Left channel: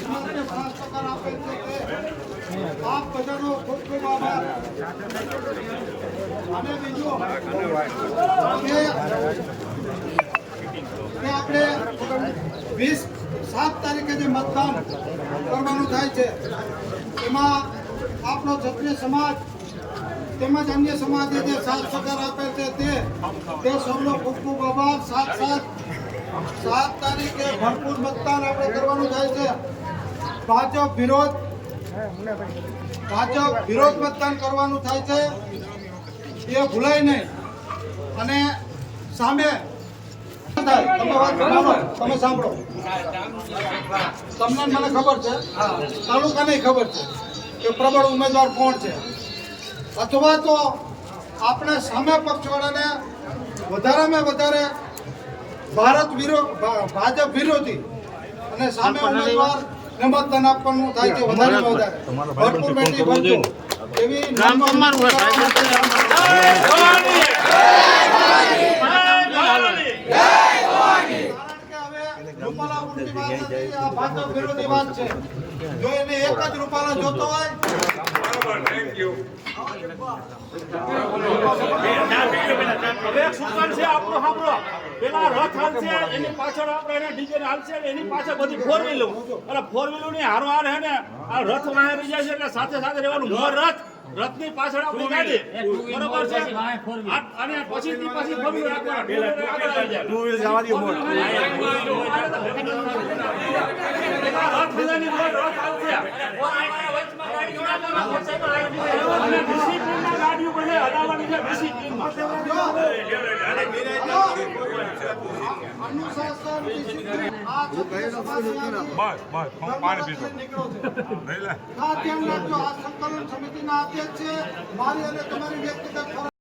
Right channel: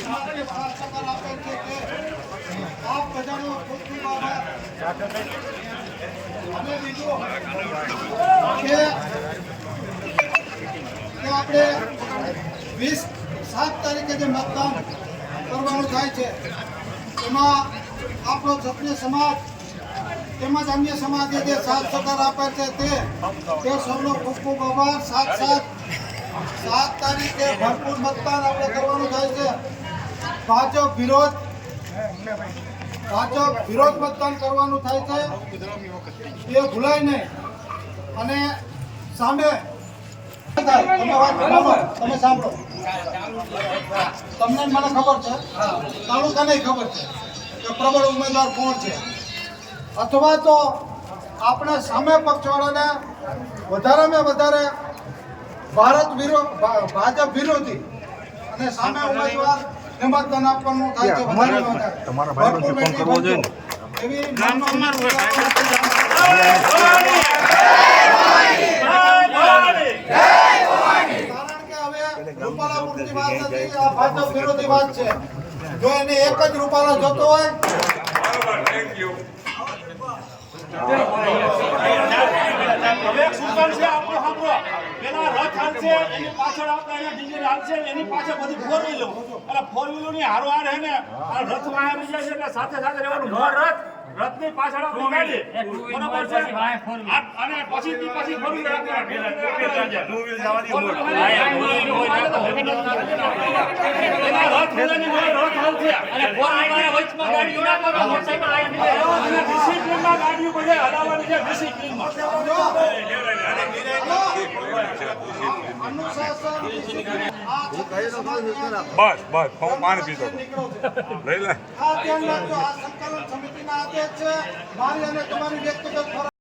સમાજને સહકાર આપે છે તે આપ બધાનો ખૂબ ખૂબ આભાર. અને બીજું કે આપણે 7 તારીખે જે મતદાન કરવાનું થાય છે એમાં આપણો ક્ષત્રિય સમાજ તેમજ અન્ય સમાજે જે સાથ સહકાર આપે છે તે સૌનો ખૂબ ખૂબ આભાર. 7 તારીખે ભરપૂર મતદાન આપણે કરવાનું થાય છે. ભાજપ વિરોધ મતદાન કરવાનું થાય છે, એ ભૂલાય નહીં. અને સામે તમે સાંભળો, તમને મને ખબર છે, તાલુકાને ખબર છે કે પ્રબળ ઉમેદવાર કોણ છે, અથવા તો આપણે સામે પક્ષવાળાને વધારેમાં વધારે ભાજપ વિરોધી અને સામે ઉમેદવાર મતદાન આપવાનું થાય છે. તમારા ભાઈ ફોન કરવો જોઈએ ને એવી જો એને એક જ રૂપાલા જોતો હોય પેલા રથ હાલશે એની પાછળ આપણે ડીજે હાલશે એની પાછળ બધી 4 વ્હીલો એટલે 4 વ્હીલો ની હારવાર હે ને આ રથ વાહે રહી જાય છે એટલે સાથે સાથે રહેવાનું. મોર રથની પાછળ આપણી ગાડી બરોબર છે અને પછી 4 વ્હીલો રાખવાના. ટુ વ્હીલ જવા દો મોર રથ બધાની રથ હાલશે અને 4 વ્હીલો વચમાં ગાડીઓ નાખવાના. મોટરસાઇકલ આયા ડિસિપ્લિનમાં ગાડીઓ બધે હલાવવાની છે. ડિસિપ્લિનમાં બસ હું પાણી પીતો લઈ લે. આ સંકલન સમિતિના અધ્યક્ષ છે. મારી અને તમારી વ્યક્તિગત